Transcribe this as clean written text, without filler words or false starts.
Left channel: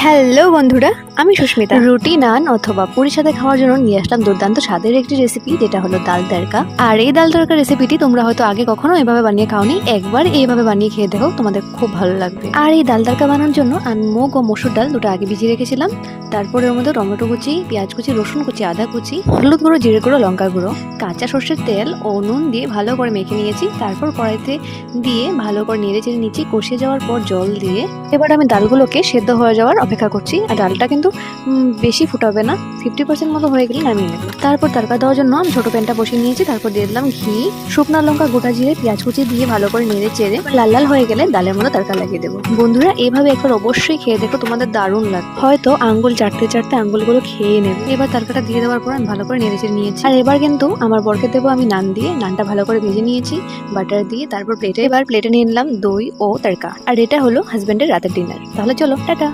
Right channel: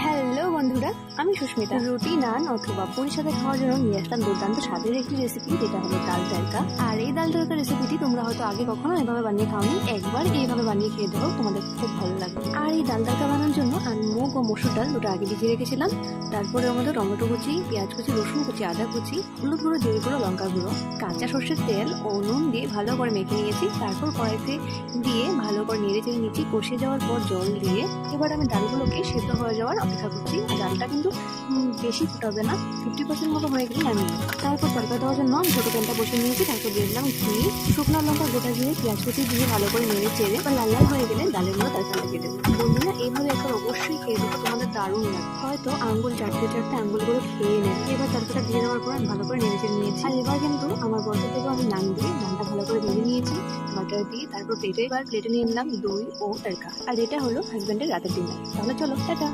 Hello বন্ধুরা, আমি সুস্মিতা। রুটি, নান অথবা পুরির সাথে খাওয়ার জন্য নিয়ে আসলাম দুর্দান্ত স্বাদের একটি রেসিপি, যেটা হলো ডাল তড়কা। আর এই ডাল তড়কা রেসিপিটি তোমরা হয়তো আগে কখনো এভাবে বানিয়ে খাওনি। একবার এইভাবে বানিয়ে খেয়ে দেখো, তোমাদের খুব ভালো লাগবে। আর এই ডাল তড়কা বানানোর জন্য আমি মুগ ও মসুর ডাল দুটো আগে ভিজিয়ে রেখেছিলাম। তারপরে ওর মধ্যে টমেটো কুচি, পেঁয়াজ কুচি, রসুন কুচি, আদা কুচি, হলুদ গুঁড়ো, জিরে গুঁড়ো, লঙ্কা গুঁড়ো, কাঁচা সর্ষের তেল ও নুন দিয়ে ভালো করে মেখে নিয়েছি। তারপর কড়াইতে দিয়ে ভালো করে নেড়ে চেড়ে নিচ্ছি। কষিয়ে যাওয়ার পর জল দিয়ে এবার আমি ডালগুলোকে সেদ্ধ হয়ে যাওয়ার অপেক্ষা করছি। আর ডালটা কিন্তু বেশি ফুটাবে না, 50% মতো হয়ে গেলে নামিয়ে নেব। তারপর তড়কা দেওয়ার জন্য আমি ছোটো প্যানটা বসিয়ে নিয়েছি। তারপর দিয়ে দিলাম ঘি, শুকনো লঙ্কা, গোটা জিরে, পেঁয়াজ কুচি দিয়ে ভালো করে নেড়ে চেড়ে লাল লাল হয়ে গেলে ডালের মধ্যে তড়কা লাগিয়ে দেবো। বন্ধুরা, এইভাবে একবার অবশ্যই খেয়ে দেখো, তোমাদের দারুণ লাগবে। হয়তো আঙ্গুল চাটতে চাটতে আঙ্গুলগুলো খেয়ে নেবে। এবার তড়কাটা দিয়ে দেওয়ার পর আমি ভালো করে নেড়ে চেড়ে নিয়েছি। আর এবার কিন্তু আমার বরকে দেবো আমি নান দিয়ে। নানটা ভালো করে ভেজে নিয়েছি বাটার দিয়ে। তারপর প্লেটে নিয়ে নিলাম দই ও তড়কা। আর এটা হলো হাজবেন্ডের রাতের ডিনার। তাহলে চলো, টাটা।